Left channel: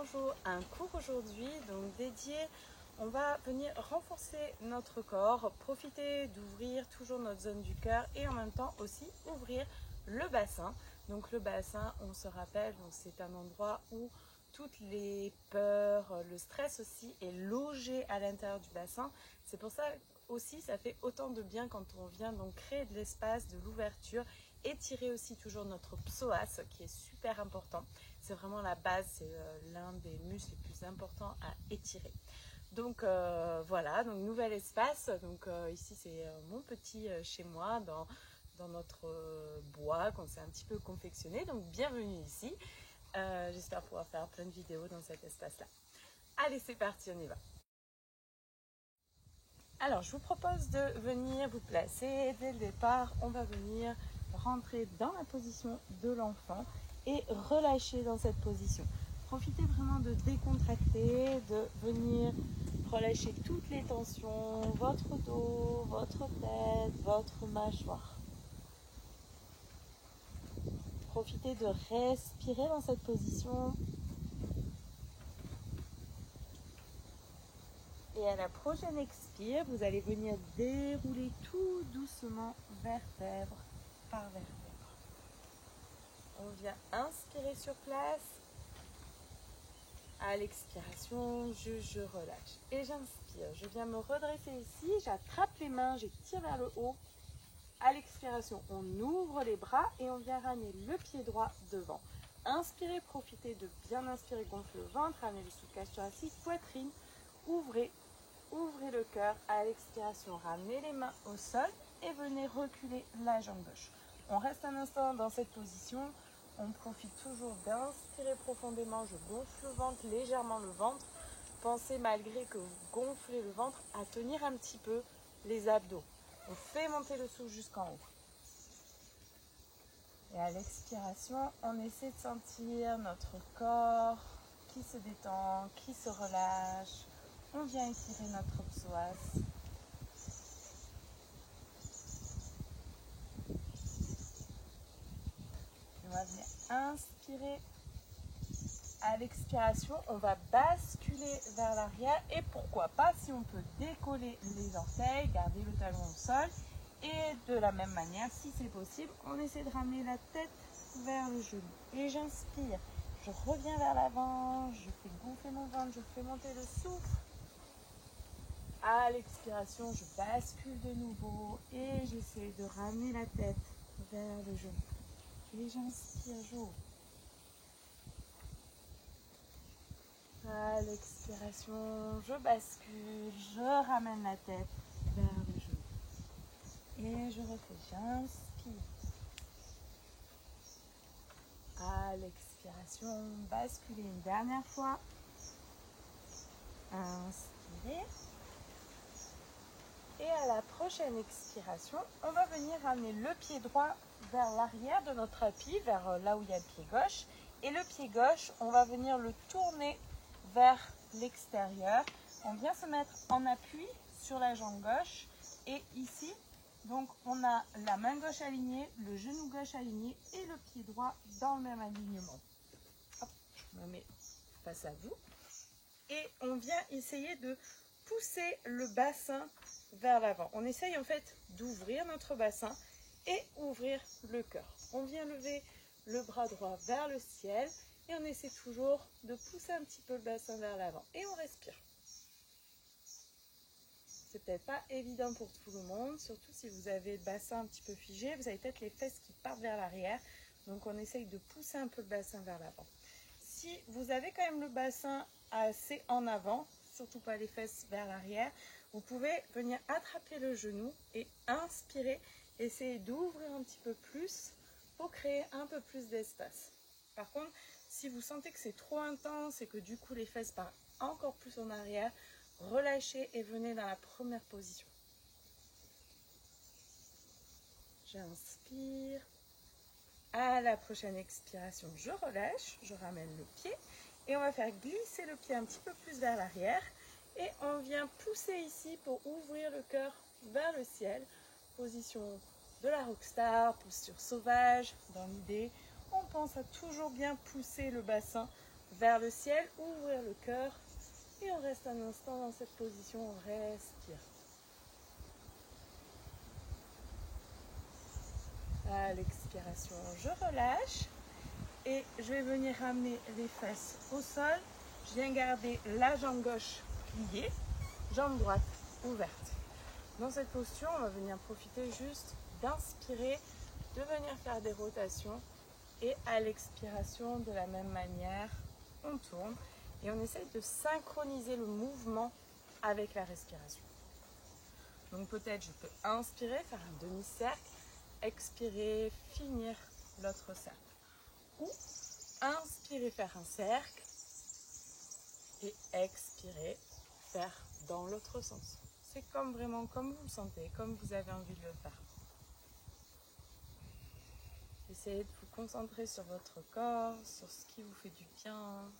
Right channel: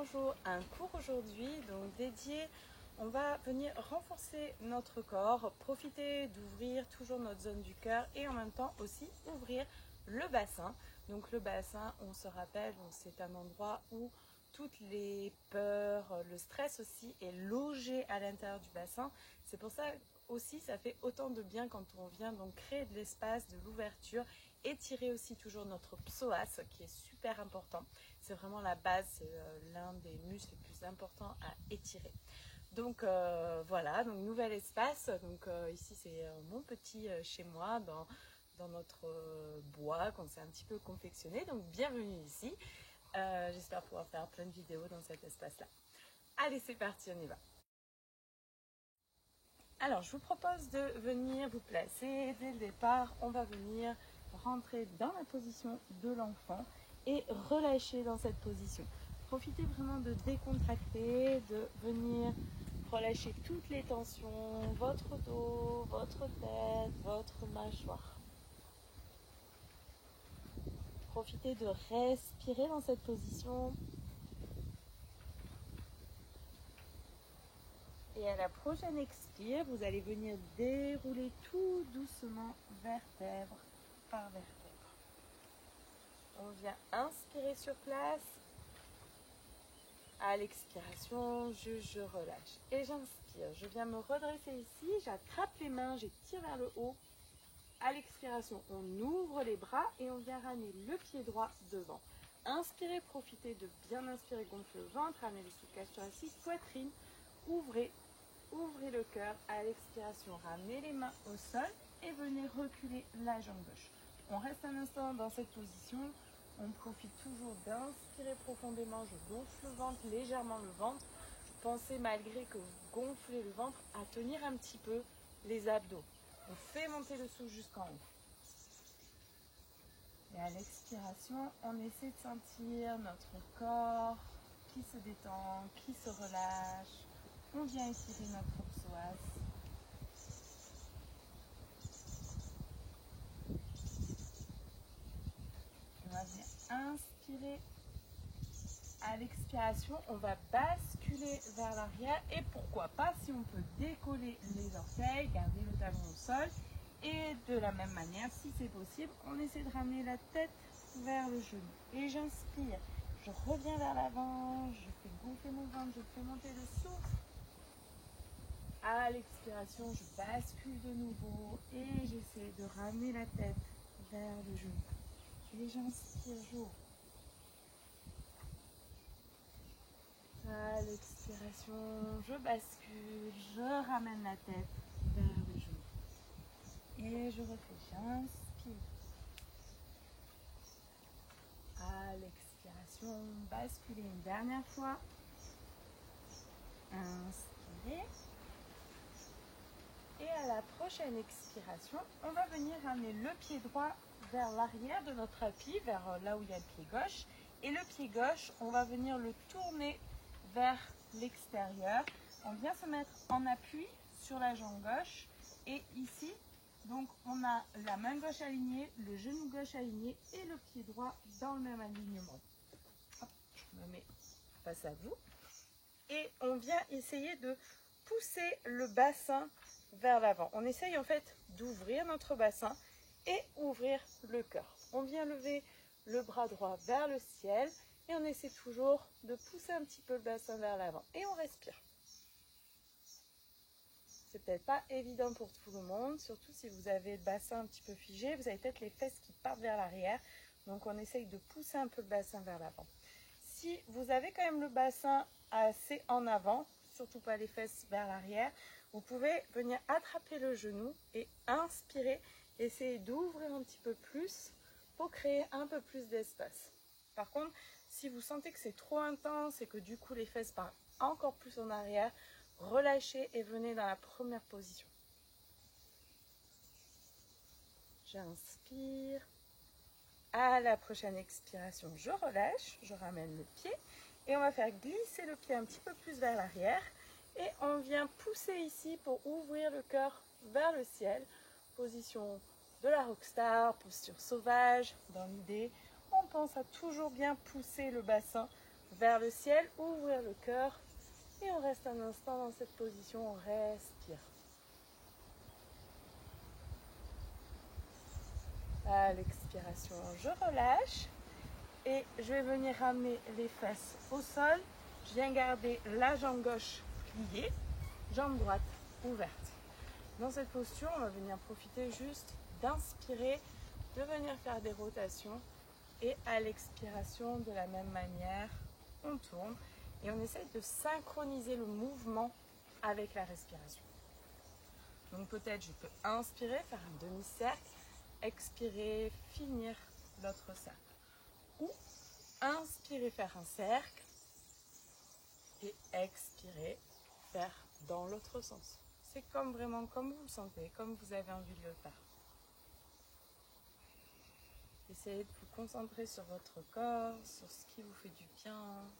bonjour, un cours aujourd'hui donc dédié, on va venir renforcer notre corps, profiter d'ouvrir toujours notre zone du cœur et en même temps aussi ouvrir le bassin. Donc le bassin, on se rappelle, c'est un endroit où toutes les peurs, le stress aussi est logé à l'intérieur du bassin. C'est pour ça aussi, ça fait autant de bien quand on vient donc créer de l'espace, de l'ouverture. Étirer aussi toujours notre psoas qui est super important. C'est vraiment la base, c'est l'un des muscles les plus importants à étirer. Donc voilà, donc nouvel espace. Donc ici c'est mon petit chez moi dans notre bois qu'on s'est un petit peu confectionné. Donc bienvenue ici. J'espère pouvoir faire plein de vidéos dans cet espace-là. Allez, c'est parti, on y va. Alors, je vous propose de venir vous placer dès le départ. On va venir rentrer dans la position de l'enfant et relâcher dans cette position. Profitez vraiment de décontracter, de venir relâcher toutes les tensions, votre dos, votre tête, votre mâchoire. Profitez de respirer dans cette position. Et à la prochaine expire, vous allez venir dérouler tout doucement vertèbre par vertèbre. On vient inspirer sur place. À l'expiration, je relâche. Et j'inspire. Je viens me redresser ici. J'attrape les mains, j'étire vers le haut. À l'expiration, on ouvre les bras et on vient ramener le pied droit devant. Inspirez, profitez de bien inspirer, gonfler le ventre, ramener le souffle thoracique, poitrine. Ouvrez le cœur. À l'expiration, ramenez les mains au sol et venez reculer la jambe gauche. On reste un instant dans cette position. On profite toujours d'inspirer profondément. Je gonfle le ventre, légèrement le ventre. Pensez, malgré que vous gonflez le ventre, à tenir un petit peu les abdos. On fait monter le souffle jusqu'en haut. Et à l'expiration, on essaie de sentir notre corps qui se détend, qui se relâche. On vient étirer notre psoas. On va venir inspirer. À l'expiration, on va basculer vers l'arrière. Et pourquoi pas, si on peut décoller les orteils, garder le talon au sol. Et de la même manière, si c'est possible, on essaie de ramener la tête vers le genou. Et j'inspire. Je reviens vers l'avant. Je fais gonfler mon ventre. Je fais monter le souffle. À l'expiration, je bascule de nouveau et j'essaie de ramener la tête vers le genou. Et j'inspire, j'ouvre. À l'expiration, je bascule, je ramène la tête vers le genou. Et je refais, j'inspire. À l'expiration, basculez une dernière fois. Inspirez. Et à la prochaine expiration, on va venir ramener le pied droit vers l'arrière de notre tapis, vers là où il y a le pied gauche. Et le pied gauche, on va venir le tourner vers l'extérieur. On vient se mettre en appui sur la jambe gauche. Et ici, donc on a la main gauche alignée, le genou gauche aligné et le pied droit dans le même alignement. Hop, je me mets face à vous. Et on vient essayer de pousser le bassin vers l'avant. On essaye en fait d'ouvrir notre bassin et ouvrir le cœur. On vient lever le bras droit vers le ciel et on essaie toujours de pousser un petit peu le bassin vers l'avant. Et on respire. C'est peut-être pas évident pour tout le monde, surtout si vous avez le bassin un petit peu figé. Vous avez peut-être les fesses qui partent vers l'arrière. Donc on essaye de pousser un peu le bassin vers l'avant. Si vous avez quand même le bassin assez en avant, surtout pas les fesses vers l'arrière, vous pouvez venir attraper le genou et inspirer, essayer d'ouvrir un petit peu plus pour créer un peu plus d'espace. Par contre, si vous sentez que c'est trop intense et que du coup les fesses partent encore plus en arrière, relâchez et venez dans la première position. J'inspire. À la prochaine expiration, je relâche, je ramène le pied et on va faire glisser le pied un petit peu plus vers l'arrière et on vient pousser ici pour ouvrir le cœur vers le ciel. Position de la rockstar, posture sauvage. Dans l'idée, on pense à toujours bien pousser le bassin vers le ciel, ouvrir le cœur. Et on reste un instant dans cette position, on respire. À l'expiration, je relâche. Et je vais venir ramener les fesses au sol. Je viens garder la jambe gauche pliée, jambe droite ouverte. Dans cette posture, on va venir profiter juste d'inspirer, de venir faire des rotations. Et à l'expiration, de la même manière, on tourne. Et on essaye de synchroniser le mouvement avec la respiration. Donc peut-être je peux inspirer, faire un demi-cercle, expirer, finir l'autre cercle. Ou inspirer, faire un cercle et expirer, faire dans l'autre sens. C'est vraiment comme vous le sentez, comme vous avez envie de le faire. Essayez de vous concentrer sur votre corps, sur ce qui vous fait du bien,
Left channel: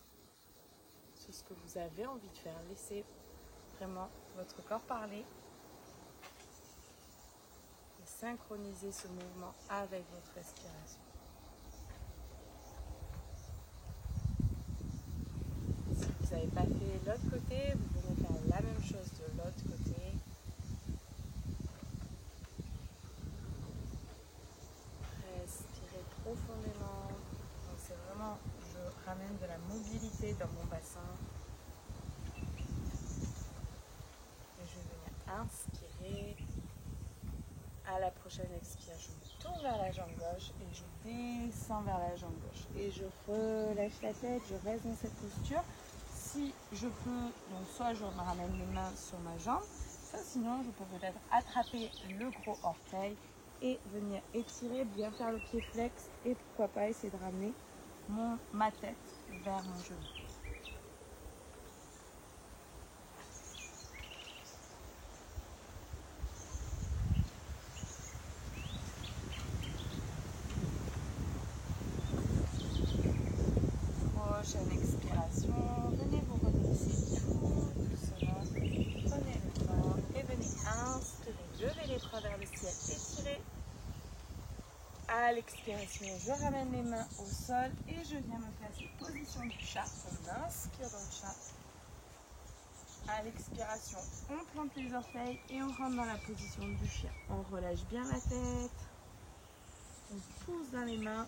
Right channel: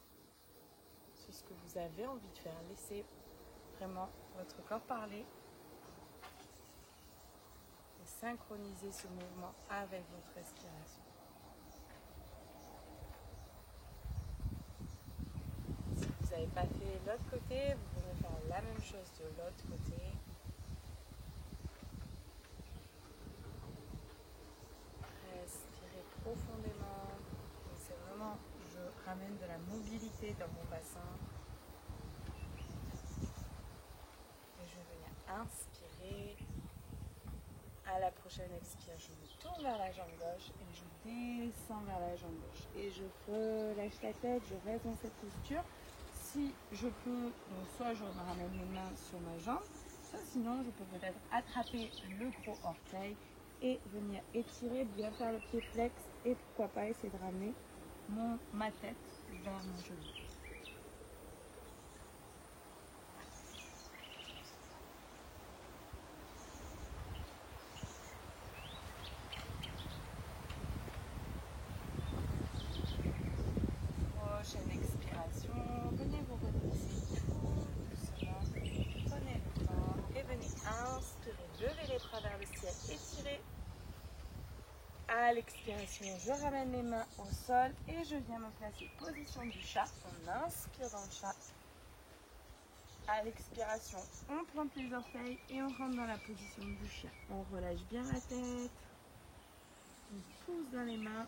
sur ce que vous avez envie de faire. Laissez vraiment votre corps parler et synchroniser ce mouvement avec votre respiration. Si vous n'avez pas fait l'autre côté, vous venez faire la même chose de l'autre côté. Respirez profondément. Donc c'est vraiment, je ramène de la mobilité dans mon bassin. Et je vais venir inspirer. À la prochaine expire, je me tourne vers la jambe gauche et je descends vers la jambe gauche. Et je relâche la tête, je reste dans cette posture. Si je peux, donc soit je me ramène les mains sur ma jambe, soit sinon je peux peut-être attraper le gros orteil et venir étirer, bien faire le pied flex et pourquoi pas essayer de ramener ma tête vers mon genou. Prochaine expiration, venez vous redresser tout doucement, prenez le temps et venez inspirer, levez les bras vers le ciel, étirez. À l'expiration, je ramène les mains au sol et je viens me placer position du chat. On inspire dans le chat. À l'expiration, on plante les orteils et on rentre dans la position du chien. On relâche bien la tête. On pousse dans les mains.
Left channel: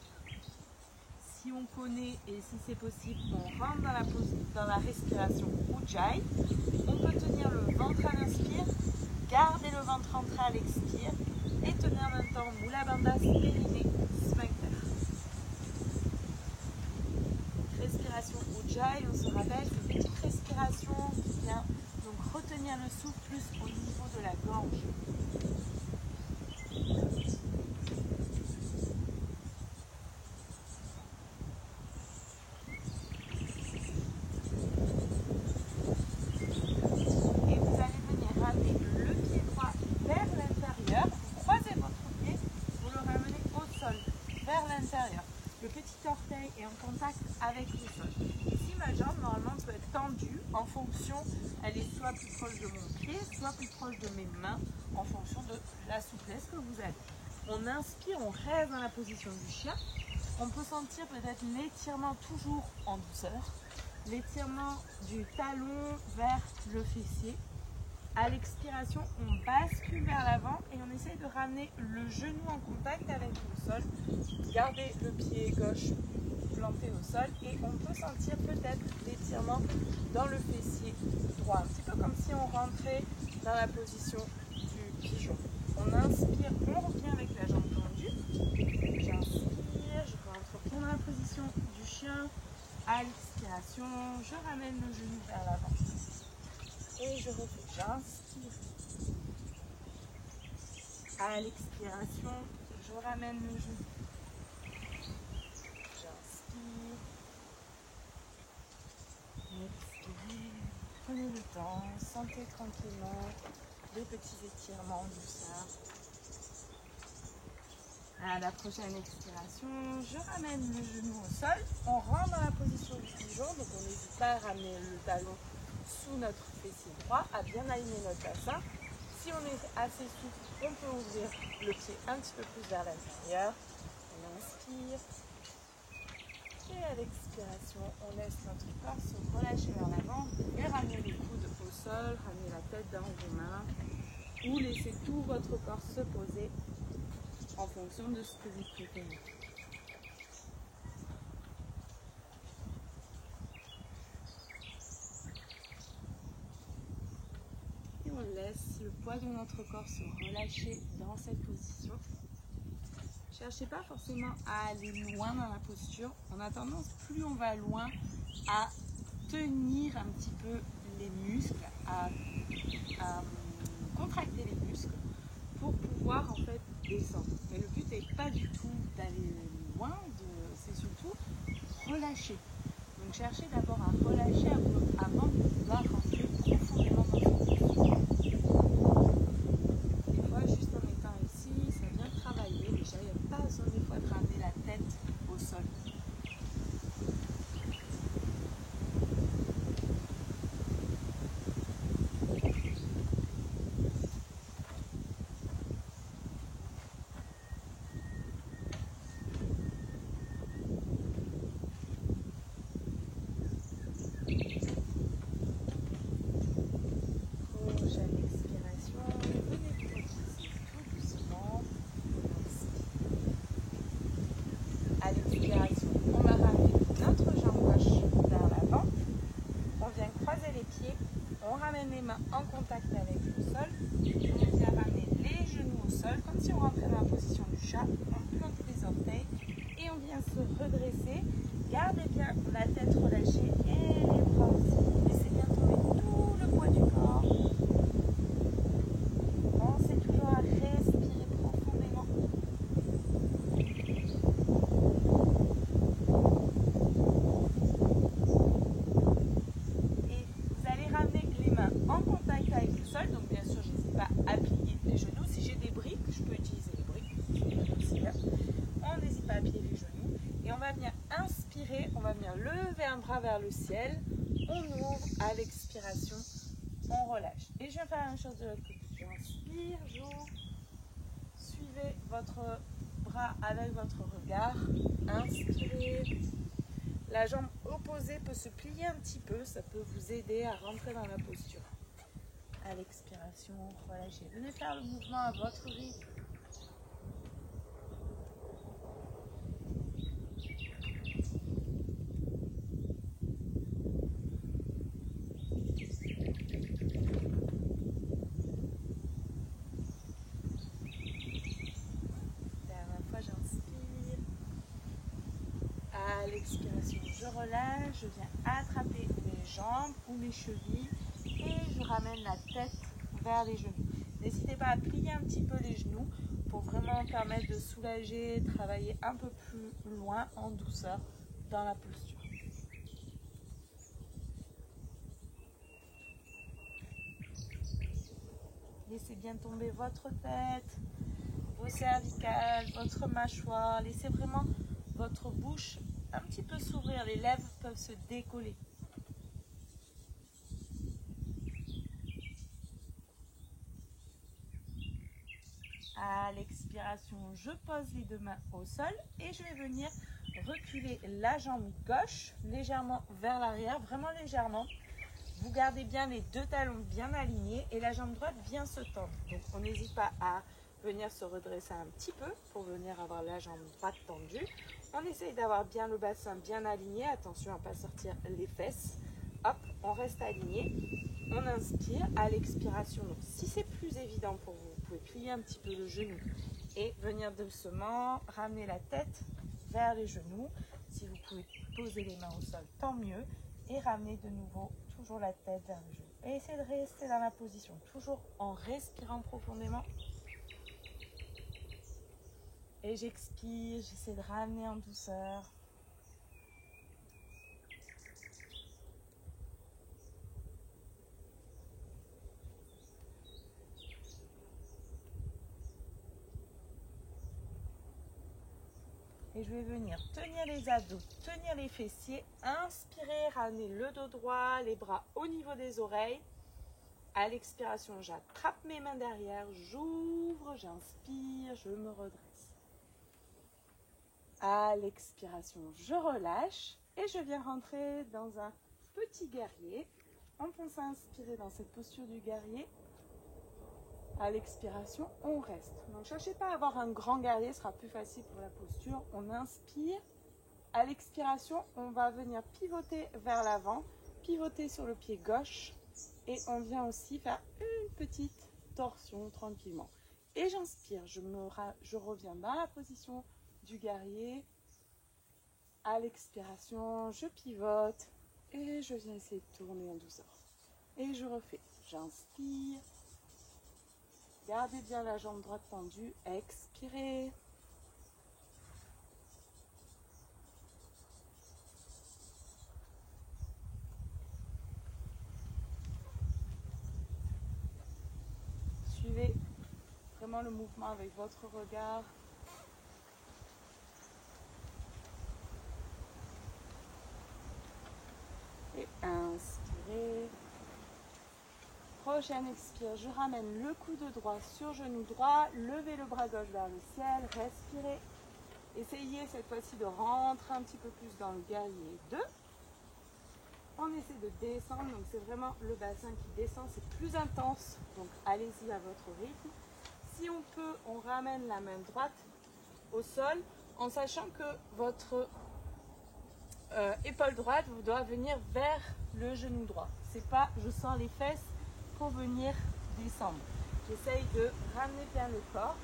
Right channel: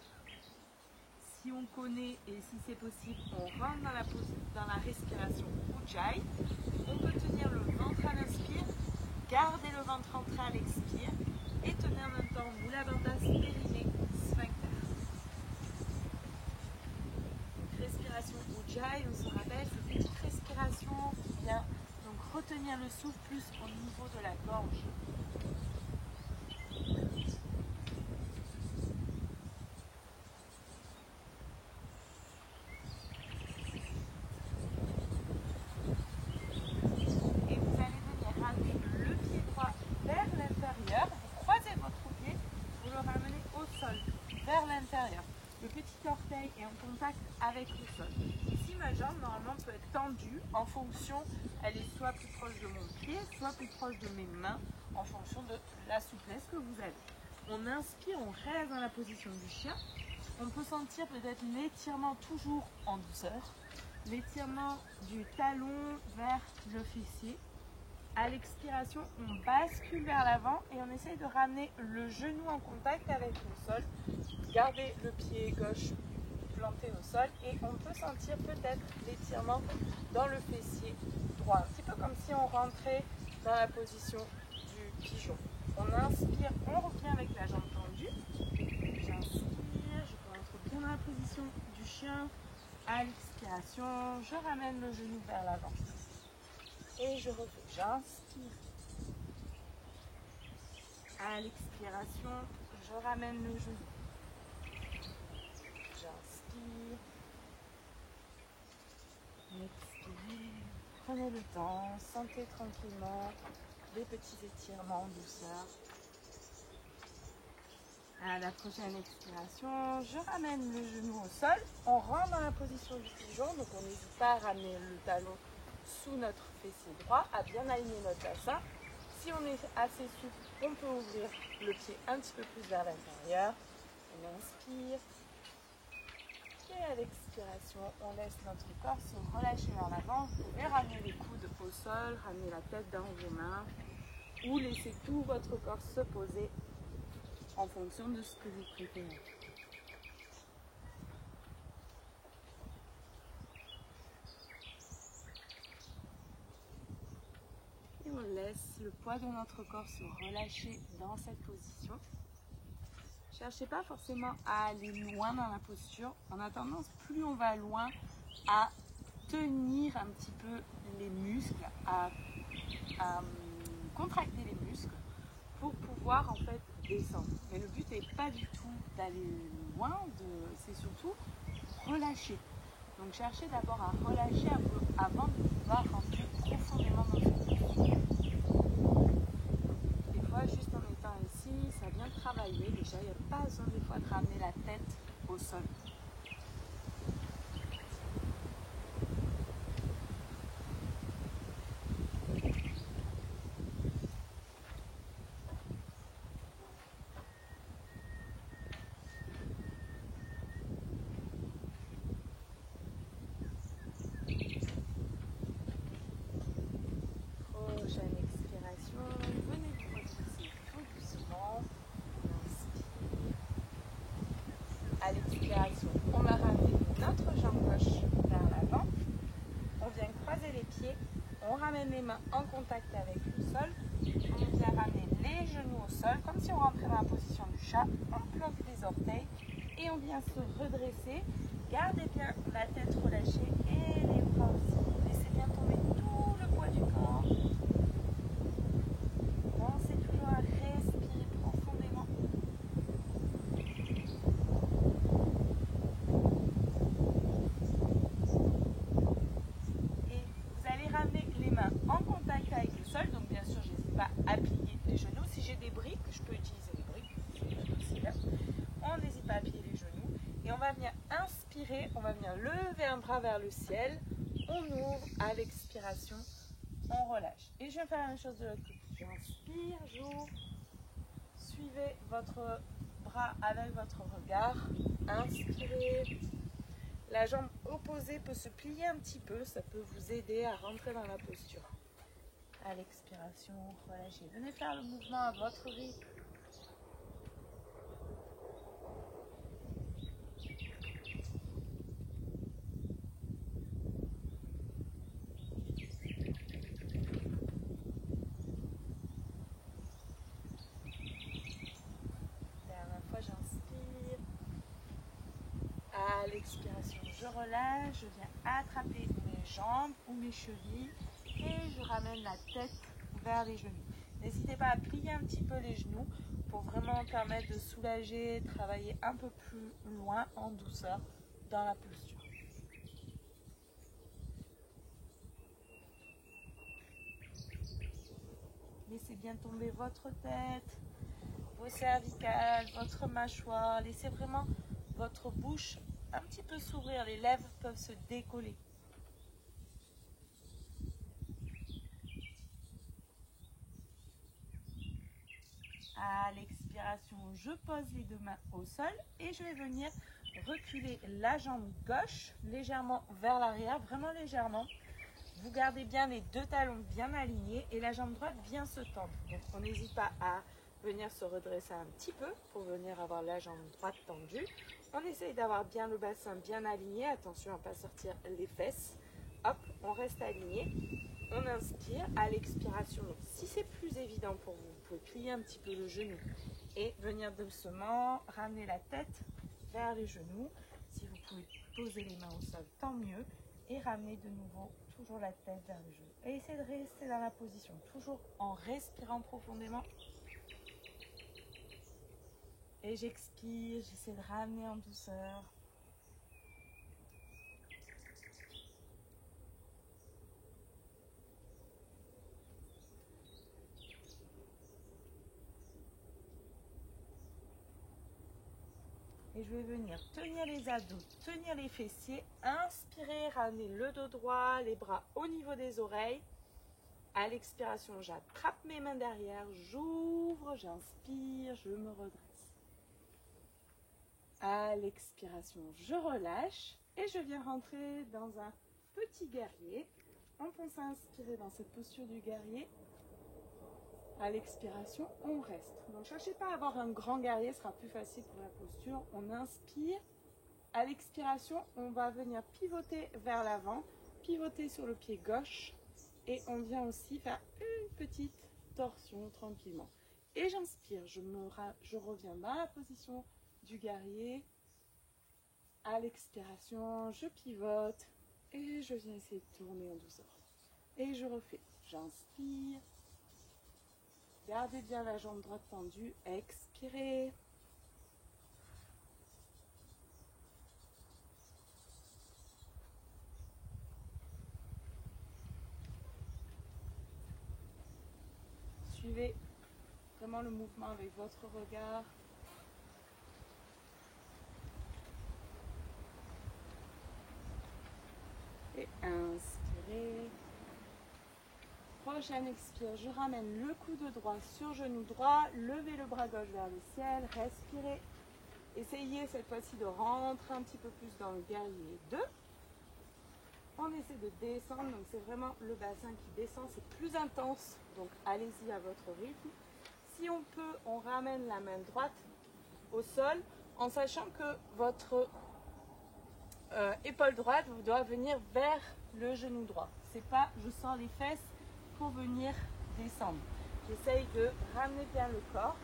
Si on connaît et si c'est possible, on rentre dans la respiration Ujjayi. On peut tenir le ventre à l'inspire, garder le ventre rentré à l'expire et tenir en même temps Mula Bandha, périnée, sphincter. Donc, respiration Ujjayi, on se rappelle, cette petite respiration qui vient donc retenir le souffle plus au niveau de la gorge. Le petit orteil est en contact avec le sol. Ici, ma jambe, normalement, peut être tendue en fonction, elle est soit plus proche de mon pied, soit plus proche de mes mains, en fonction de la souplesse que vous avez. On inspire, on reste dans la position du chien. On peut sentir peut-être l'étirement toujours en douceur, l'étirement du talon vers le fessier. À l'expiration, on bascule vers l'avant et on essaye de ramener le genou en contact avec le sol. Gardez le pied gauche planté au sol et on peut sentir peut-être l'étirement dans le fessier droit. Un petit peu comme si on rentrait dans la position du pigeon. On inspire, on revient avec la jambe tendue. J'inspire, je rentre bien dans la position du chien. À l'expiration, je ramène le genou vers l'avant. Et je refais, j'inspire. À l'expiration, je ramène le genou. J'inspire. Expire. Prenez le temps, sentez tranquillement les petits étirements en douceur. À la prochaine expiration, je ramène le genou au sol. On rentre dans la position du pigeon, donc on n'hésite pas à ramener le talon sous notre fessier droit, à bien aligner notre bassin. Si on est assez souple, on peut ouvrir le pied un petit peu plus vers l'intérieur. On inspire et à l'expire. l'expiration, on laisse notre corps se relâcher vers l'avant. Vous pouvez ramener les coudes au sol, ramener la tête dans vos mains ou laisser tout votre corps se poser en fonction de ce que vous préférez. Et on laisse le poids de notre corps se relâcher dans cette position. Cherchez pas forcément à aller loin dans la posture. On a tendance, plus on va loin, à tenir un petit peu les muscles, à contracter les muscles pour pouvoir en fait descendre. Mais le but n'est pas du tout d'aller loin, c'est surtout relâcher. Donc cherchez d'abord à relâcher avant de pouvoir rentrer profondément dans cette posture. Des fois, juste en étant ici, ça vient de travailler. Déjà, il n'y a pas besoin des fois de ramener la tête au sol. Prochaine expiration, venez vous redresser tout doucement. On inspire. À l'expiration, on va ramener notre jambe gauche vers l'avant. On vient croiser les pieds. On ramène les mains en contact avec le sol. On vient ramener les genoux au sol, comme si on rentrait dans la position du chat. On plante les orteils et on vient se redresser. Gardez bien la tête relâchée et les bras aussi. Laissez bien tomber tout le poids du corps. Pensez toujours à respirer profondément. Et vous allez ramener les mains en contact avec le sol. Donc bien sûr, je n'hésite pas à plier les genoux. Si j'ai des briques, je peux utiliser les briques. Aussi bien. On n'hésite pas à plier les genoux. Et on va venir inspirer, on va venir lever un bras vers le ciel. On ouvre à l'expiration, on relâche. Et je vais faire la même chose de l'autre côté. J'inspire, j'ouvre. Suivez votre bras avec votre regard. Inspirez. La jambe opposée peut se plier un petit peu. Ça peut vous aider à rentrer dans la posture. À l'expiration, relâchez. Venez faire le mouvement à votre rythme. J'inspire. À l'expiration, je relâche. Je viens attraper mes jambes ou mes chevilles et je ramène la tête vers les genoux. N'hésitez pas à plier un petit peu les genoux pour vraiment permettre de soulager, travailler un peu plus loin en douceur dans la posture. Laissez bien tomber votre tête, vos cervicales, votre mâchoire. Laissez vraiment votre bouche un petit peu s'ouvrir. Les lèvres peuvent se décoller. À l'expiration, je pose les deux mains au sol et je vais venir reculer la jambe gauche légèrement vers l'arrière, vraiment légèrement. Vous gardez bien les deux talons bien alignés et la jambe droite vient se tendre. Donc on n'hésite pas à venir se redresser un petit peu pour venir avoir la jambe droite tendue. On essaye d'avoir bien le bassin bien aligné. Attention à ne pas sortir les fesses. Hop, on reste aligné. On inspire à l'expiration. Donc, si c'est plus évident pour vous, vous pouvez plier un petit peu le genou et venir doucement ramener la tête vers les genoux. Si vous pouvez poser les mains au sol, tant mieux. Et ramener de nouveau toujours la tête vers le genou. Et essayez de rester dans la position, toujours en respirant profondément. Et j'expire, j'essaie de ramener en douceur. Et je vais venir tenir les abdos, tenir les fessiers, inspirer, ramener le dos droit, les bras au niveau des oreilles. À l'expiration, j'attrape mes mains derrière, j'ouvre, j'inspire, je me redresse. À l'expiration, je relâche Et je viens rentrer dans un petit guerrier. On pense à inspirer dans cette posture du guerrier. À l'expiration, on reste. Donc, ne cherchez pas à avoir un grand guerrier, ce sera plus facile pour la posture. On inspire. À l'expiration, on va venir pivoter vers l'avant, pivoter sur le pied gauche. Et on vient aussi faire une petite torsion tranquillement. Et j'inspire, je reviens dans la position du guerrier. À l'expiration, je pivote et je viens essayer de tourner en douceur. Et je refais. J'inspire. Gardez bien la jambe droite tendue. Expirez. Suivez vraiment le mouvement avec votre regard. Et inspirez. Prochaine expire, je ramène le coude droit sur genou droit, levez le bras gauche vers le ciel, respirez. Essayez cette fois-ci de rentrer un petit peu plus dans le guerrier 2. On essaie de descendre, donc c'est vraiment le bassin qui descend, c'est plus intense, donc allez-y à votre rythme. Si on peut, on ramène la main droite au sol, en sachant que votre épaule droite doit venir vers le genou droit. C'est pas je sors les fesses pour venir descendre. J'essaye de ramener bien le corps.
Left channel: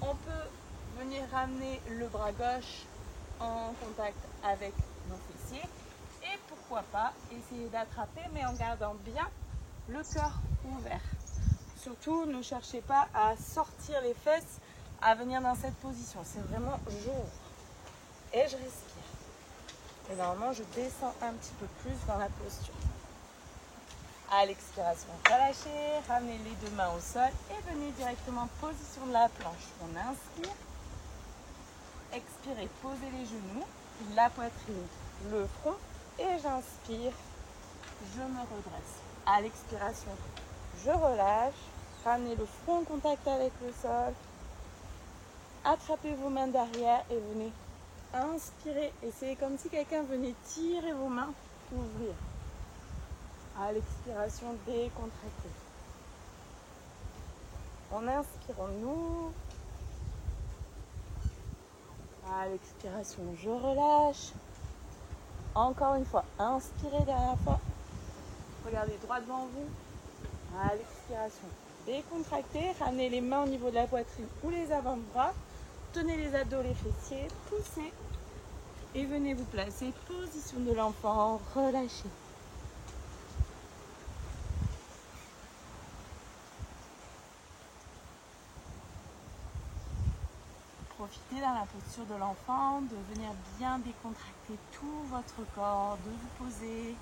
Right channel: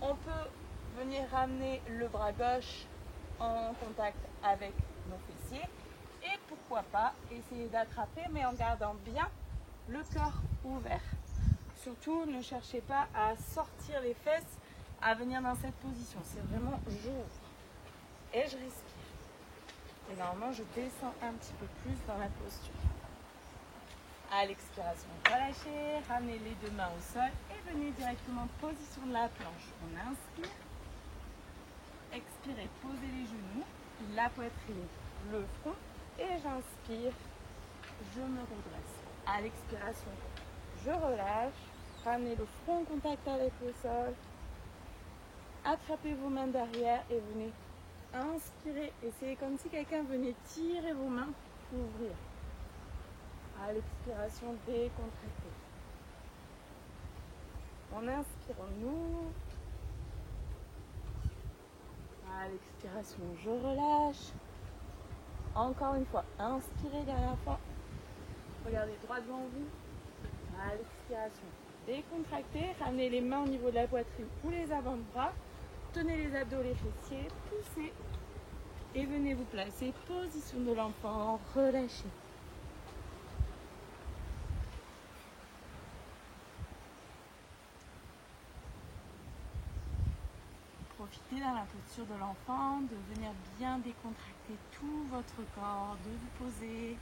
On peut venir ramener le bras gauche en contact avec nos fessiers. Et pourquoi pas essayer d'attraper, mais en gardant bien le cœur ouvert. Surtout, ne cherchez pas à sortir les fesses, à venir dans cette position. C'est vraiment j'ouvre et je respire. Et normalement, je descends un petit peu plus dans la posture. À l'expiration, relâchez, ramenez les deux mains au sol et venez directement en position de la planche. On inspire, expirez, posez les genoux, la poitrine, le front et j'inspire, je me redresse. À l'expiration, je relâche, ramenez le front en contact avec le sol, attrapez vos mains derrière et venez inspirer. Et c'est comme si quelqu'un venait tirer vos mains, ouvrir. À l'expiration, décontractez. On inspire, on ouvre. À l'expiration, je relâche. Encore une fois, inspirez dernière fois. Regardez droit devant vous. À l'expiration, décontractez. Ramenez les mains au niveau de la poitrine ou les avant-bras. Tenez les abdos, les fessiers. Poussez. Et venez vous placer. Position de l'enfant. Relâchez. Profitez dans la posture de l'enfant, de venir bien décontracter tout votre corps, de vous poser.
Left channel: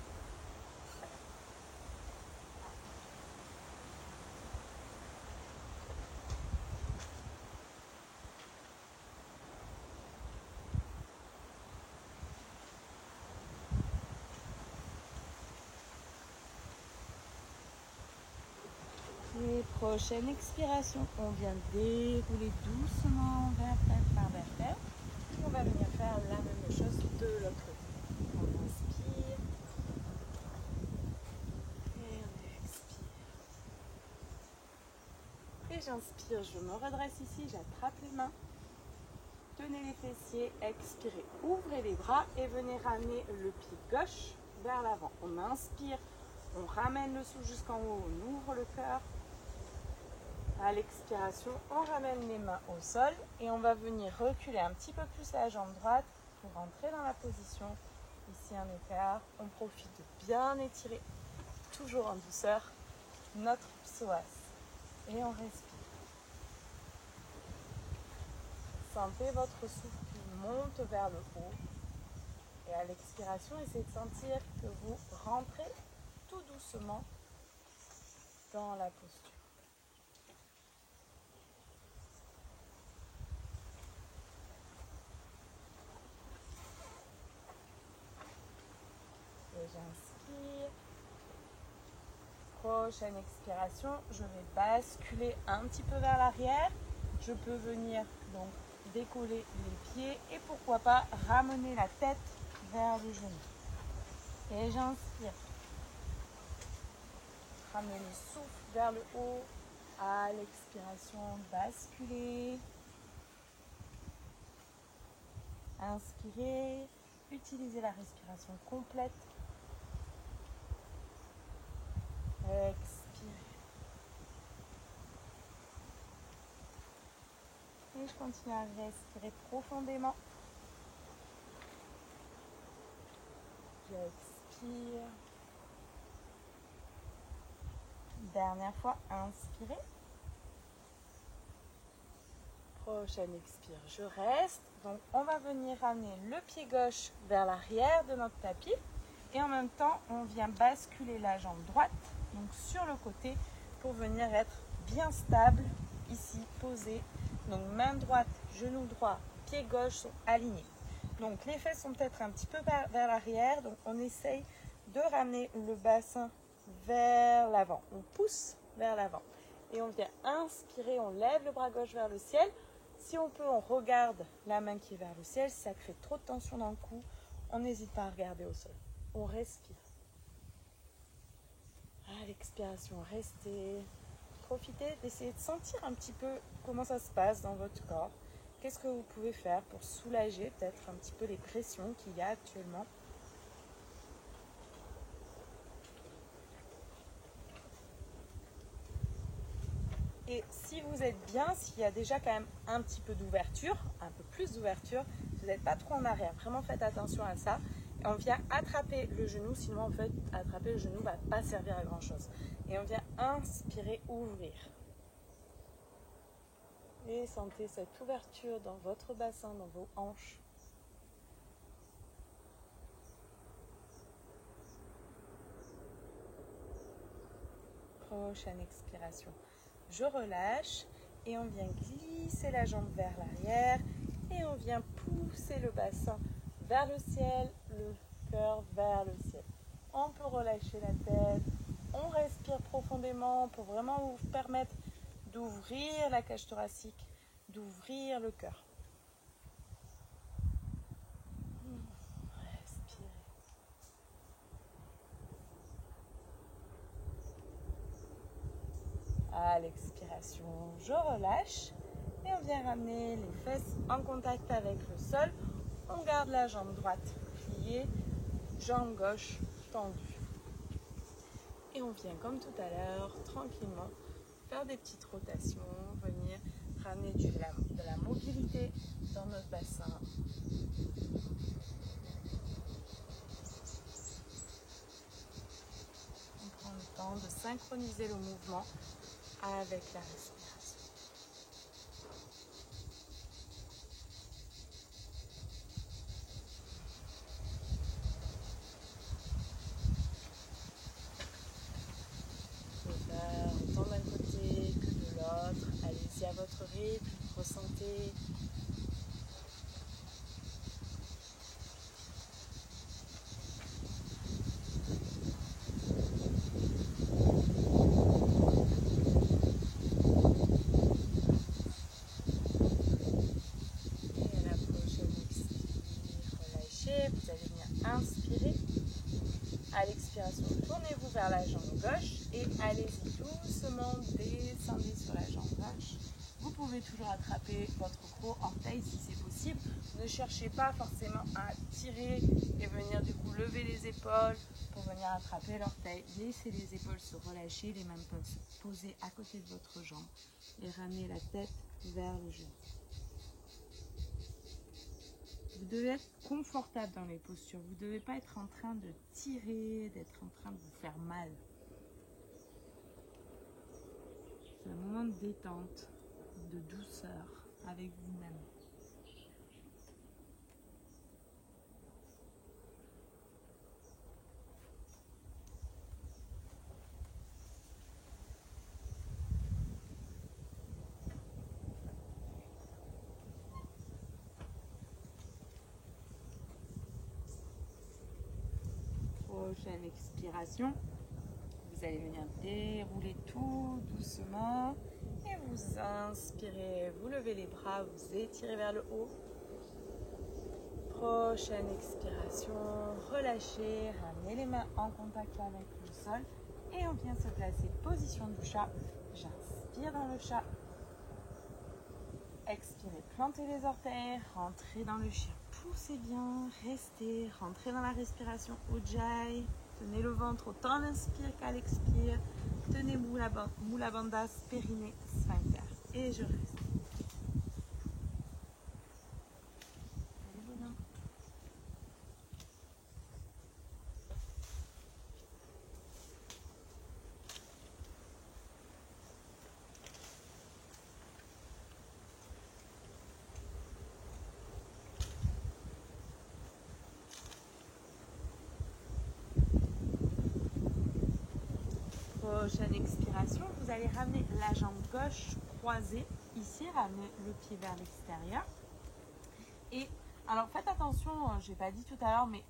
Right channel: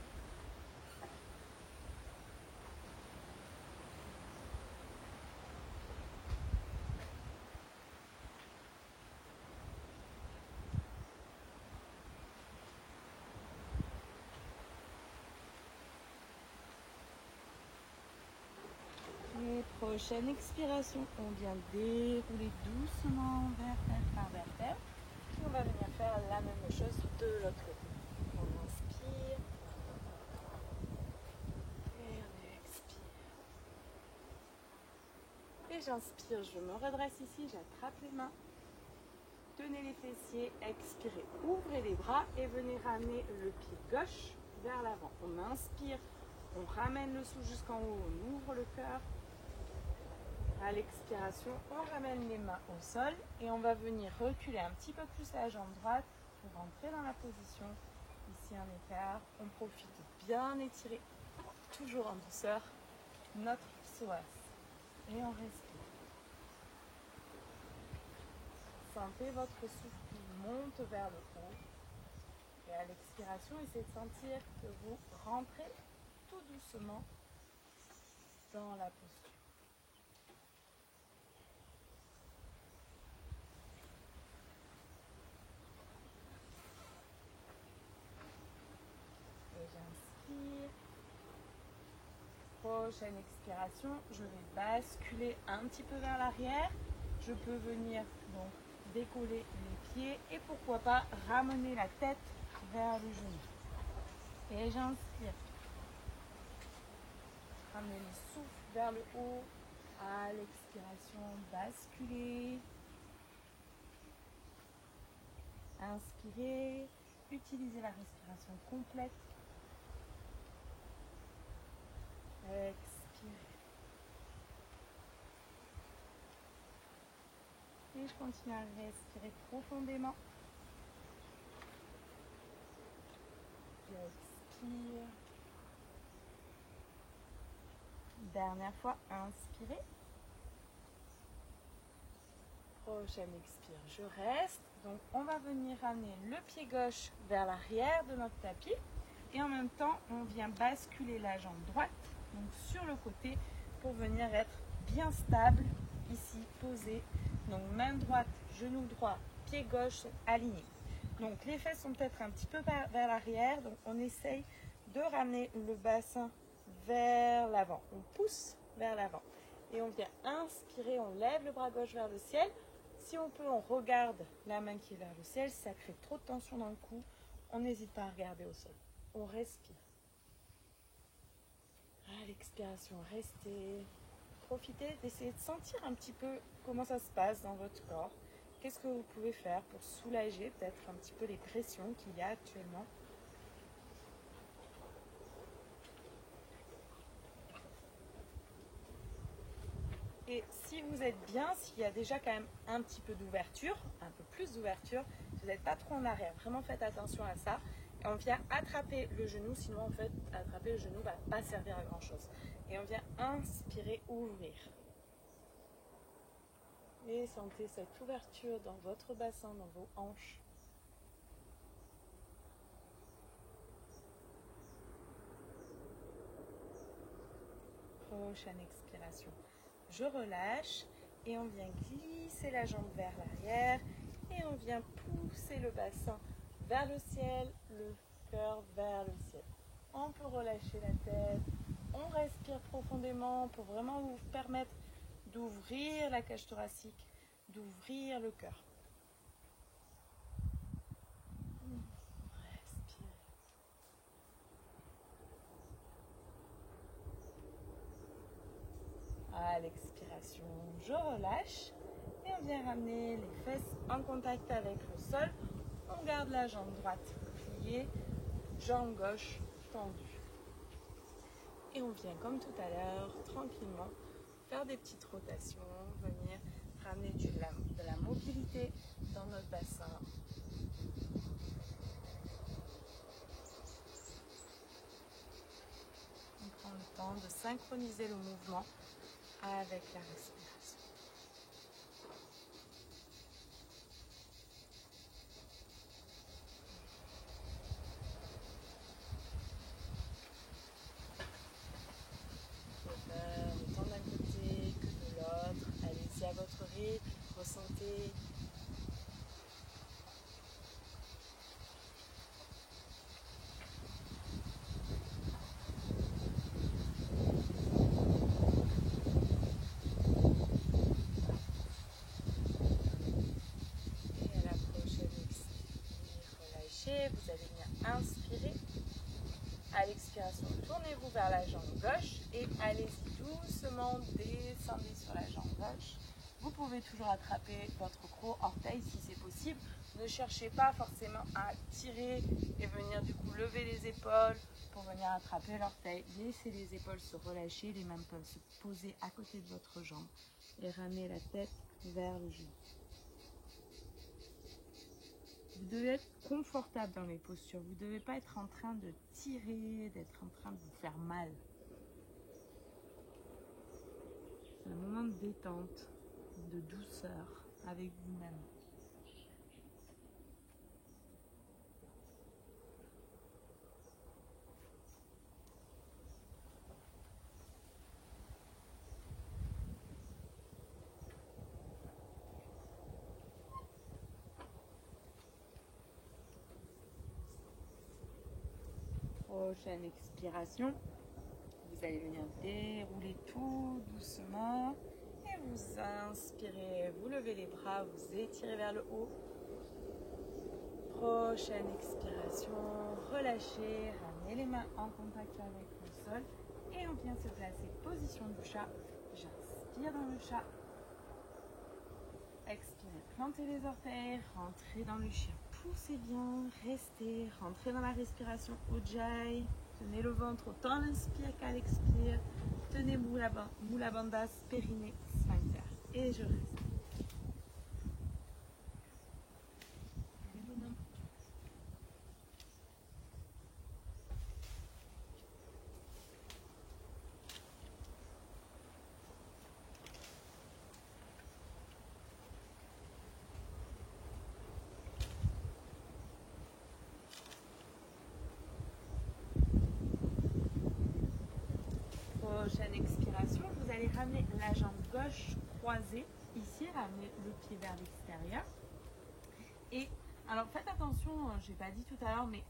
Et prochaine expiration, on vient dérouler doucement vertèbre par vertèbre. Et on va venir faire la même chose de l'autre côté. On inspire. Et on expire. Et j'inspire, je me redresse ici, j'attrape les mains. Tenez les fessiers, expirez. Ouvrez les bras et venez ramener le pied gauche vers l'avant. On inspire, on ramène le souffle jusqu'en haut, on ouvre le cœur. À l'expiration, on ramène les mains au sol et on va venir reculer un petit peu plus la jambe droite pour rentrer dans la position. Ici un écart, on profite de bien étirer, toujours en douceur, notre psoas. Et on respire. Sentez votre souffle qui monte vers le haut. Et à l'expiration, essayez de sentir que vous rentrez tout doucement dans la posture. Et j'inspire. Prochaine expiration, je vais basculer un petit peu vers l'arrière. Je peux venir donc décoller les pieds et pourquoi pas ramener la tête vers le genou. Et j'inspire. Ramenez le souffle vers le haut. À l'expiration, basculez. Inspirez. Utilisez la respiration complète. Expirez. Et je continue à respirer profondément. J'expire. Dernière fois, inspirez. Prochaine expire, je reste. Donc on va venir ramener le pied gauche vers l'arrière de notre tapis. Et en même temps, on vient basculer la jambe droite, donc sur le côté, pour venir être bien stable, ici, posé. Donc main droite, genou droit, pied gauche sont alignés. Donc les fesses sont peut-être un petit peu vers l'arrière, donc on essaye de ramener le bassin vers l'avant. On pousse vers l'avant. Et on vient inspirer, on lève le bras gauche vers le ciel. Si on peut, on regarde la main qui est vers le ciel. Si ça crée trop de tension dans le cou, on n'hésite pas à regarder au sol. On respire. À l'expiration, restez. Profitez d'essayer de sentir un petit peu comment ça se passe dans votre corps. Qu'est-ce que vous pouvez faire pour soulager peut-être un petit peu les pressions qu'il y a actuellement. Et si vous êtes bien, s'il y a déjà quand même un petit peu d'ouverture, un peu plus d'ouverture, vous n'êtes pas trop en arrière. Vraiment faites attention à ça. Et on vient attraper le genou, sinon en fait, attraper le genou ne va pas servir à grand chose. Et on vient inspirer, ouvrir. Et sentez cette ouverture dans votre bassin, dans vos hanches. Prochaine expiration. Je relâche et on vient glisser la jambe vers l'arrière et on vient pousser le bassin vers le ciel, le cœur vers le ciel. On peut relâcher la tête, on respire profondément pour vraiment vous permettre d'ouvrir la cage thoracique, d'ouvrir le cœur. Respire. À l'expiration, je relâche et on vient ramener les fesses en contact avec le sol. On garde la jambe droite pliée, jambe gauche tendue. Et on vient comme tout à l'heure, tranquillement, faire des petites rotations, venir ramener de la mobilité dans notre bassin. On prend le temps de synchroniser le mouvement avec la respiration. Autant d'un côté que de l'autre. Allez-y à votre rythme, ressentez. Et à la prochaine expire, relâchez. Vous allez venir inspirer. À l'expiration, tournez-vous vers la jambe gauche et allez-y doucement, descendez sur la jambe gauche. Vous pouvez toujours attraper votre gros orteil si c'est possible. Ne cherchez pas forcément à tirer et venir du coup lever les épaules pour venir attraper l'orteil. Laissez les épaules se relâcher, les mains peuvent se poser à côté de votre jambe et ramener la tête vers le genou. Vous devez être confortable dans les postures. Vous ne devez pas être en train de tirer, d'être en train de vous faire mal. C'est un moment de détente, de douceur avec vous-même. Prochaine expiration, vous allez venir dérouler tout doucement et vous inspirez, vous levez les bras, vous étirez vers le haut. Prochaine expiration, relâchez, ramenez les mains en contact avec le sol et on vient se placer position du chat. J'inspire dans le chat. Expirez, plantez les orteils, rentrez dans le chien. Poussez bien, restez, rentrez dans la respiration Ujjayi. Tenez le ventre autant à l'inspire qu'à l'expire. Tenez Mula Bandhas, périnée, sphincter. Et je reste. Prochaine expiration, vous allez ramener la jambe gauche croisée, ici, ramener le pied vers l'extérieur. Et alors faites attention, je n'ai pas dit tout à l'heure, mais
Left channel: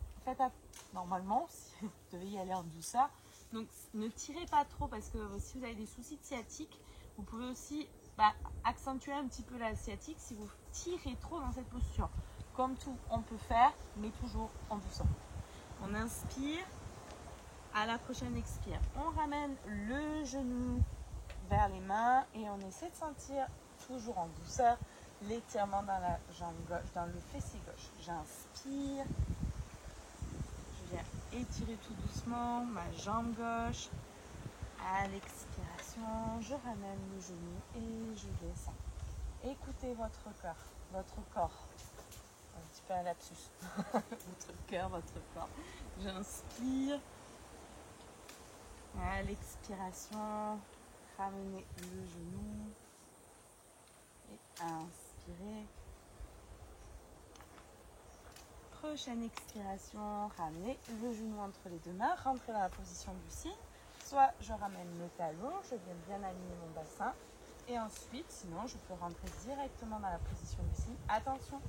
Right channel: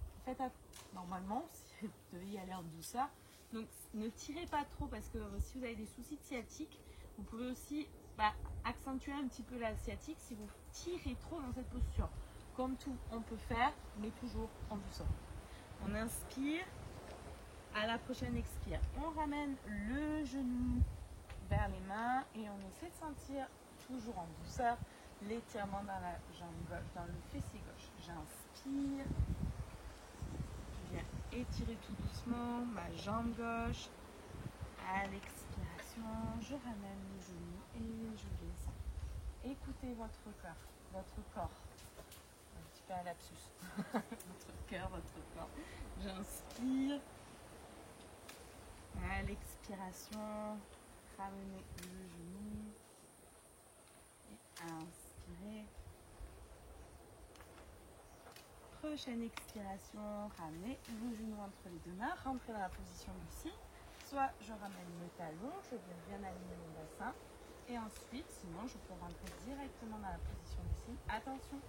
normalement, si vous devez y aller en douceur, donc ne tirez pas trop parce que si vous avez des soucis de sciatique, vous pouvez aussi accentuer un petit peu la sciatique si vous tirez trop dans cette posture. Comme tout, on peut faire, mais toujours en douceur. On inspire. À la prochaine expire, on ramène le genou vers les mains et on essaie de sentir toujours en douceur l'étirement dans la jambe gauche, dans le fessier gauche. J'inspire, je viens étirer tout doucement ma jambe gauche. À l'expiration, je ramène le genou et je descends. Écoutez votre corps. Un petit peu un lapsus. Votre cœur, votre corps. J'inspire. À l'expiration, ramenez le genou et inspirez. Prochaine expiration, ramenez le genou entre les deux mains, rentrez dans la position du cygne. Soit je ramène mes talons, je viens bien aligner mon bassin. Et ensuite, sinon, je peux rentrer directement dans la position du cygne. Attention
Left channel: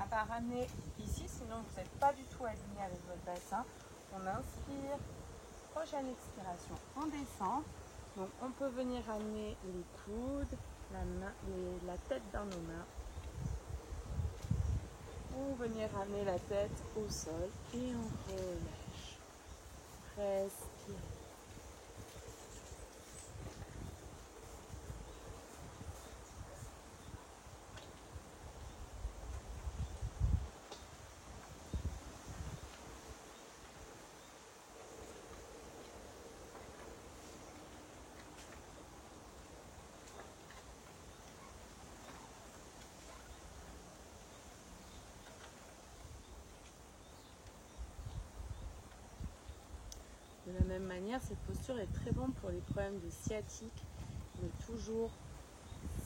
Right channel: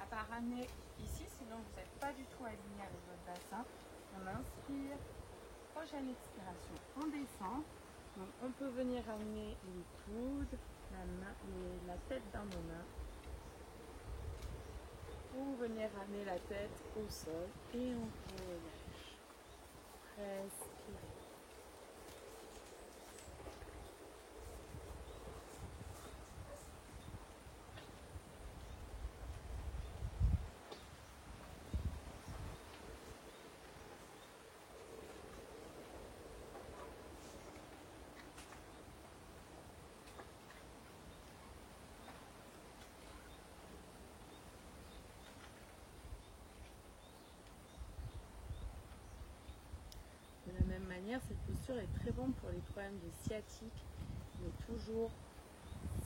à ne pas ramener ici, sinon vous n'êtes pas du tout aligné avec votre bassin. On inspire. Prochaine expiration, on descend. Donc on peut venir ramener les coudes, la tête dans nos mains. Ou venir ramener la tête au sol et on relâche. Respire. De la même manière, cette posture est très bonne pour les problèmes de sciatique. Mais toujours,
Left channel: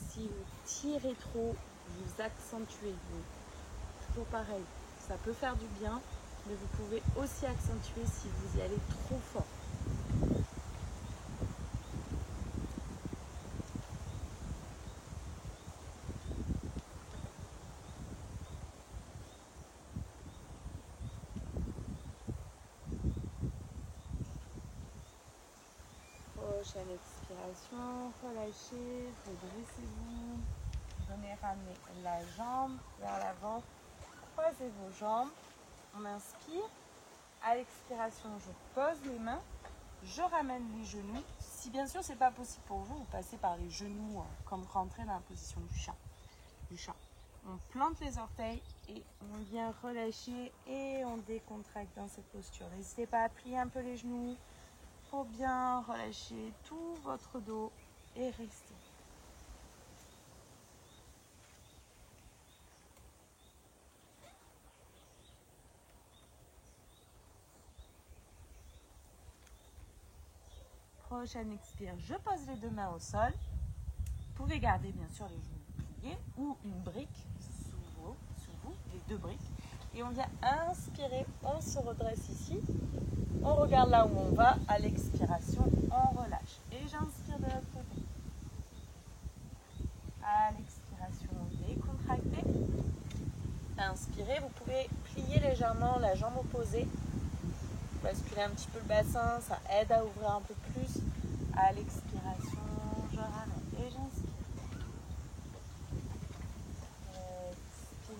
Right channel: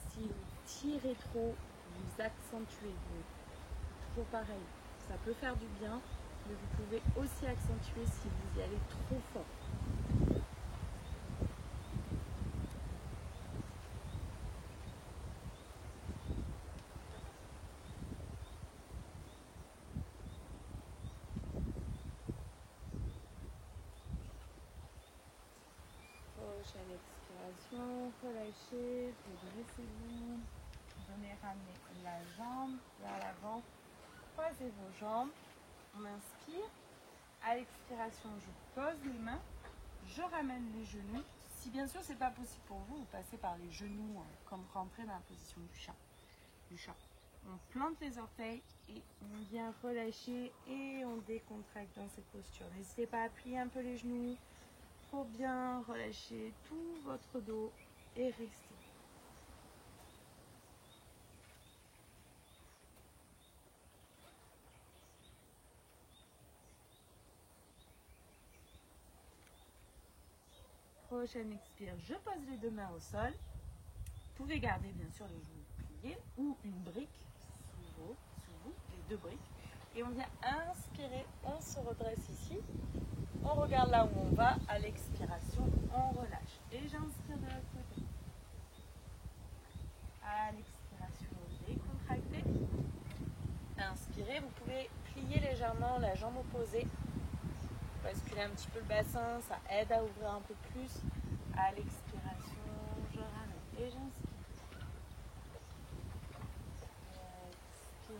si vous tirez trop, vous accentuez. Toujours pareil, ça peut faire du bien, mais vous pouvez aussi accentuer si vous y allez trop fort. Prochaine expiration, relâchez, redressez-vous. Venez ramener la jambe vers l'avant, croisez vos jambes. On inspire. À l'expiration, je pose les mains, je ramène les genoux. Si bien sûr ce n'est pas possible pour vous, vous passez par les genoux comme rentrer dans la position du chat. On plante les orteils et on vient relâcher et on décontracte dans cette posture. N'hésitez pas à plier un peu les genoux pour bien relâcher tout votre dos et rester. Prochaine expire, je pose les deux mains au sol. Vous pouvez garder bien sûr les genoux pliés ou une brique sous vous, les deux briques. Et on vient inspirer, on se redresse ici. On regarde là où on va. À l'expiration, on relâche. Et j'inspire de l'autre côté. À l'expiration, décontractez. Inspirez, vous pouvez plier légèrement la jambe opposée. Basculer un petit peu le bassin, ça aide à ouvrir un peu plus. À l'expiration, je ramène et j'inspire. Expire.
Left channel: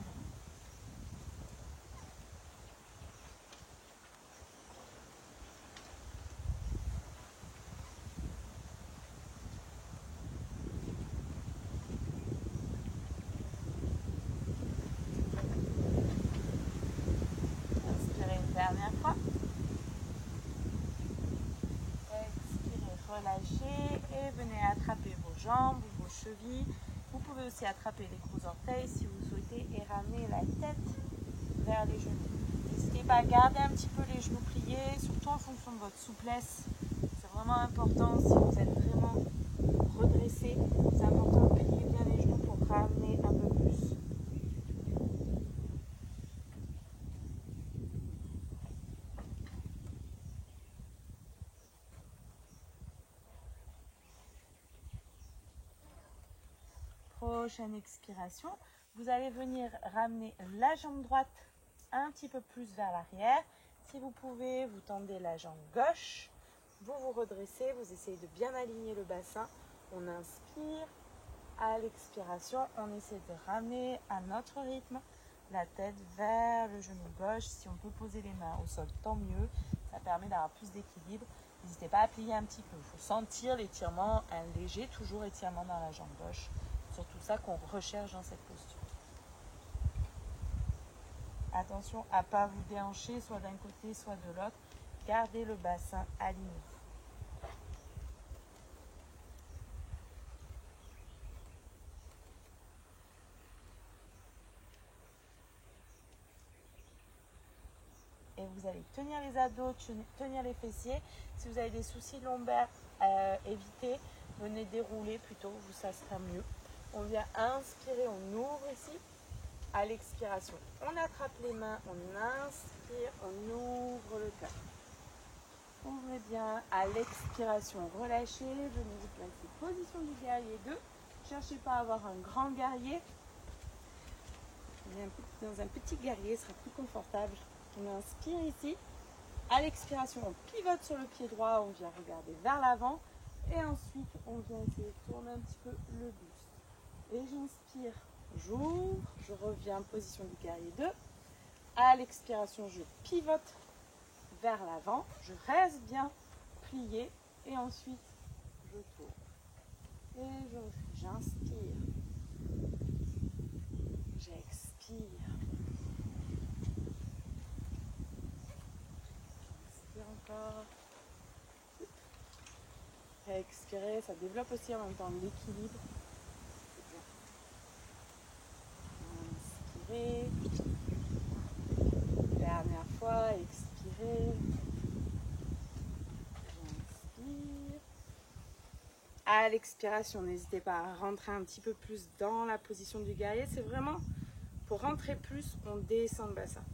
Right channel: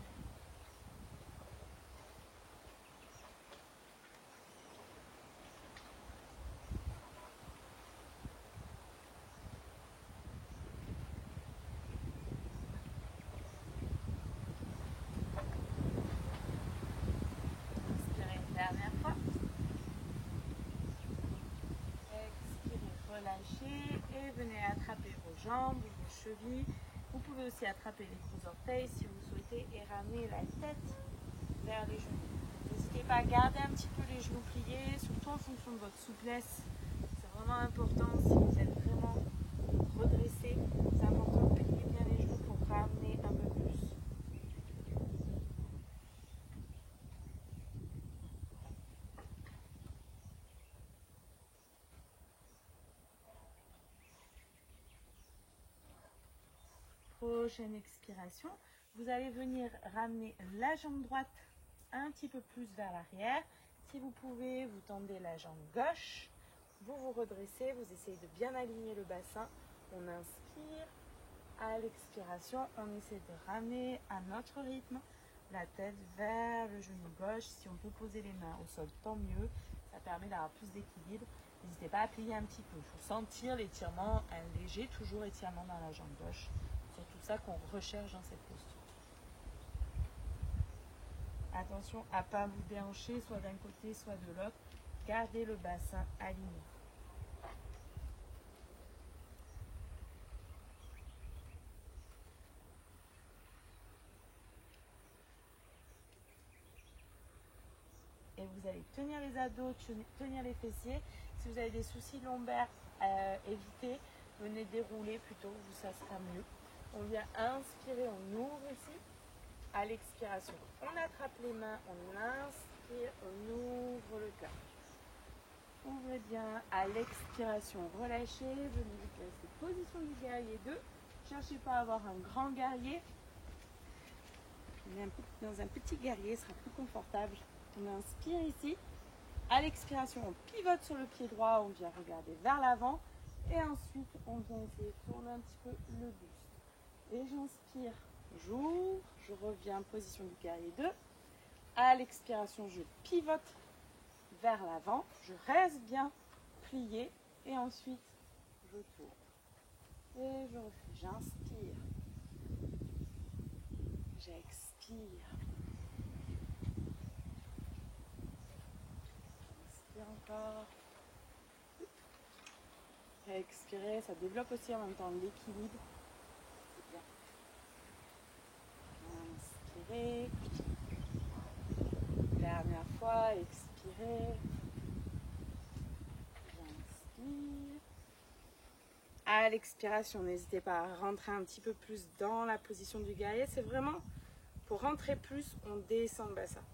relâchez et venez attraper vos jambes ou vos chevilles. Vous pouvez aussi attraper les gros orteils si vous souhaitez et ramener la tête vers les genoux. N'hésitez pas à garder un petit peu les genoux pliés, surtout en fonction de votre souplesse. C'est vraiment important si vous êtes vraiment redressé. C'est important de plier bien les genoux pour ramener un peu plus. Prochaine expiration, vous allez venir ramener la jambe droite un petit peu plus vers l'arrière. Si vous pouvez, vous tendez la jambe gauche, vous vous redressez, vous essayez de bien aligner le bassin. On inspire, à l'expiration, on essaie de ramener à notre rythme la tête vers le genou gauche. Si on peut poser les mains au sol, tant mieux, ça permet d'avoir plus d'équilibre. N'hésitez pas à plier un petit peu, il faut sentir l'étirement, un léger toujours étirement dans la jambe gauche. Surtout ça qu'on recherche dans cette posture. Attention à ne pas vous déhancher, soit d'un côté, soit de l'autre. Gardez le bassin aligné. Et vous allez tenir les abdos, tenir les fessiers. Si vous avez des soucis lombaires, évitez. Venez dérouler plutôt, ça sera mieux. On vient inspirer, on ouvre ici. À l'expiration, on attrape les mains, on inspire, on ouvre le cœur. Ouvrez bien. À l'expiration, relâchez. Venez vous placer position du guerrier 2. Cherchez pas à avoir un grand guerrier. Dans un petit guerrier, ce sera plus confortable. On inspire ici. À l'expiration, on pivote sur le pied droit, on vient regarder vers l'avant. Et ensuite, on vient essayer de tourner un petit peu le buste. Et j'inspire, j'ouvre, je reviens en position du guerrier 2. À l'expiration, je pivote vers l'avant. Je reste bien plié. Et ensuite, je tourne. Et je refais. J'inspire. J'expire. J'inspire encore. Expirez, ça développe aussi en même temps l'équilibre. C'est bien. Inspirez. Dernière fois, expirez. J'inspire. À l'expiration, n'hésitez pas à rentrer un petit peu plus dans la position du guerrier. C'est vraiment pour rentrer plus, on descend le bassin.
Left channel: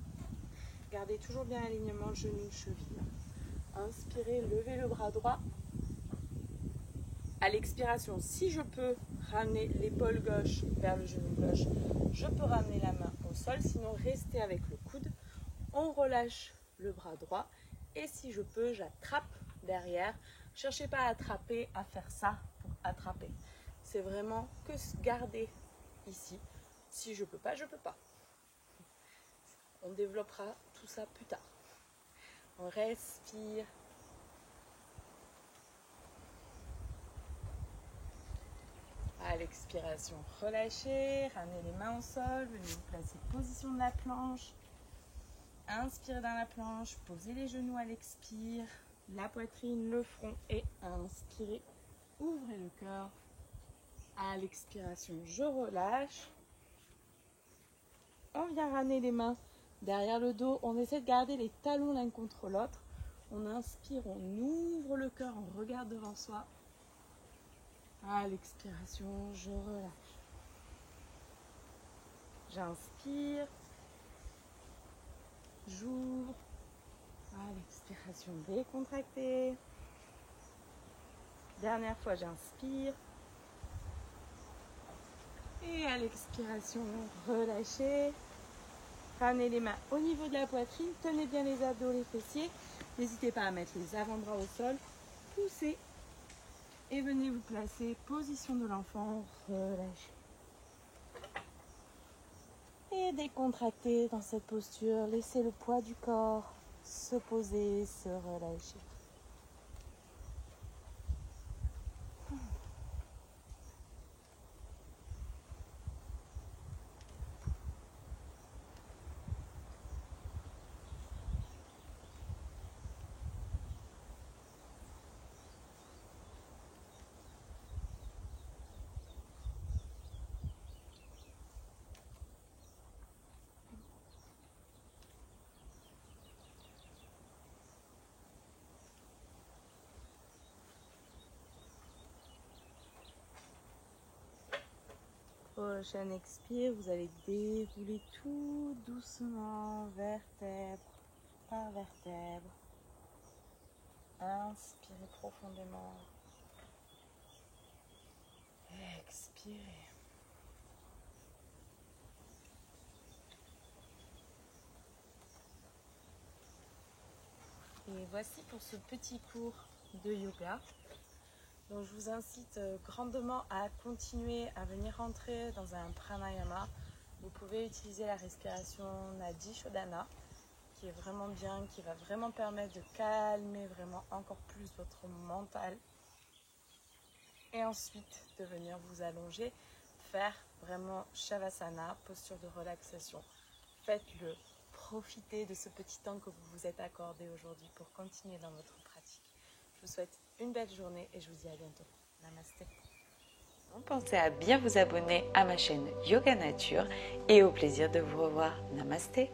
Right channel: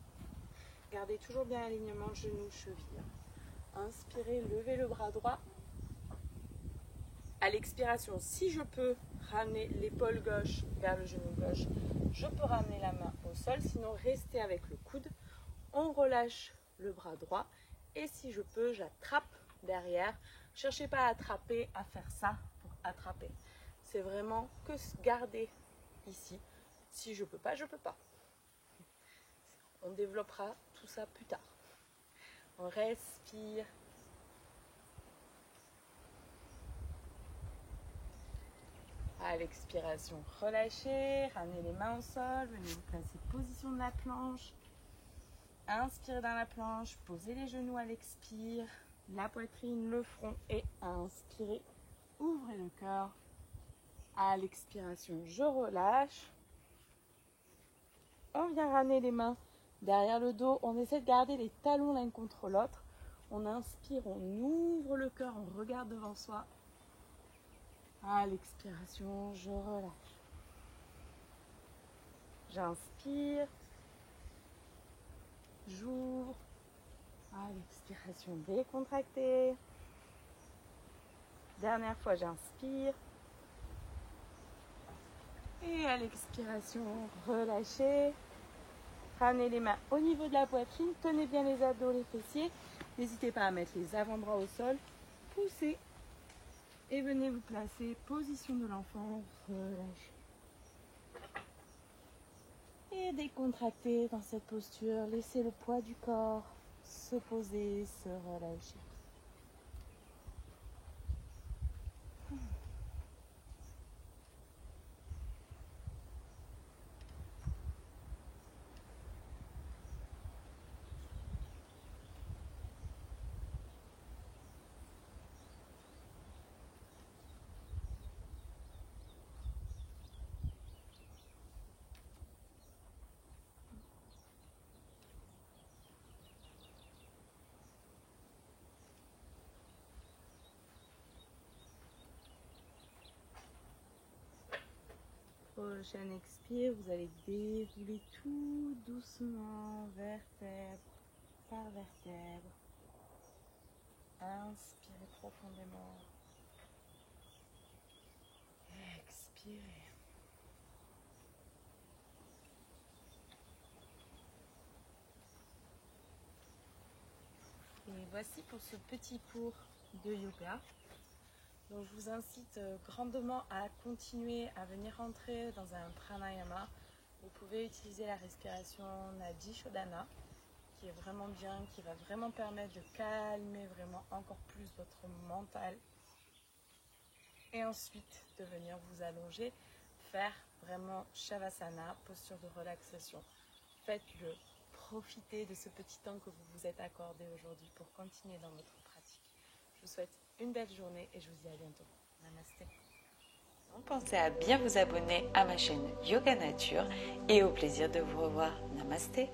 Gardez toujours bien l'alignement genou-cheville. Inspirez, levez le bras droit. À l'expiration, si je peux ramener l'épaule gauche vers le genou gauche, je peux ramener la main au sol. Sinon, restez avec le coude. On relâche le bras droit. Et si je peux, j'attrape derrière. Cherchez pas à attraper, à faire ça pour attraper. C'est vraiment que garder ici. Si je peux pas, je peux pas. On développera tout ça plus tard. On respire. À l'expiration, relâchez, ramenez les mains au sol, venez vous placer position de la planche. Inspirez dans la planche, posez les genoux à l'expire, la poitrine, le front et inspirez. Ouvrez le cœur. À l'expiration, je relâche. On vient ramener les mains derrière le dos. On essaie de garder les talons l'un contre l'autre. On inspire, on ouvre le cœur, on regarde devant soi. À l'expiration, je relâche. J'inspire. J'ouvre. À l'expiration, décontractez. Dernière fois, j'inspire. Et à l'expiration, relâchez. Ramenez les mains au niveau de la poitrine. Tenez bien les abdos, les fessiers. N'hésitez pas à mettre les avant-bras au sol. Poussez. Et venez vous placer, position de l'enfant, relâchez. Et décontractez dans cette posture. Laissez le poids du corps se poser, se relâcher. Prochaine expire, vous allez dérouler tout doucement, vertèbre par vertèbre. Inspirez profondément. Expirez. Et voici pour ce petit cours de yoga. Donc je vous incite grandement à continuer à venir rentrer dans un pranayama. Vous pouvez utiliser la respiration Nadi Shodhana, qui est vraiment bien, qui va vraiment permettre de calmer vraiment encore plus votre mental. Et ensuite de venir vous allonger, faire vraiment Shavasana, posture de relaxation. Faites-le. Profitez de ce petit temps que vous vous êtes accordé aujourd'hui pour continuer dans votre pratique. Je vous souhaite une belle journée et je vous dis à bientôt. Namasté. Pensez à bien vous abonner à ma chaîne Yoga Nature et au plaisir de vous revoir. Namasté.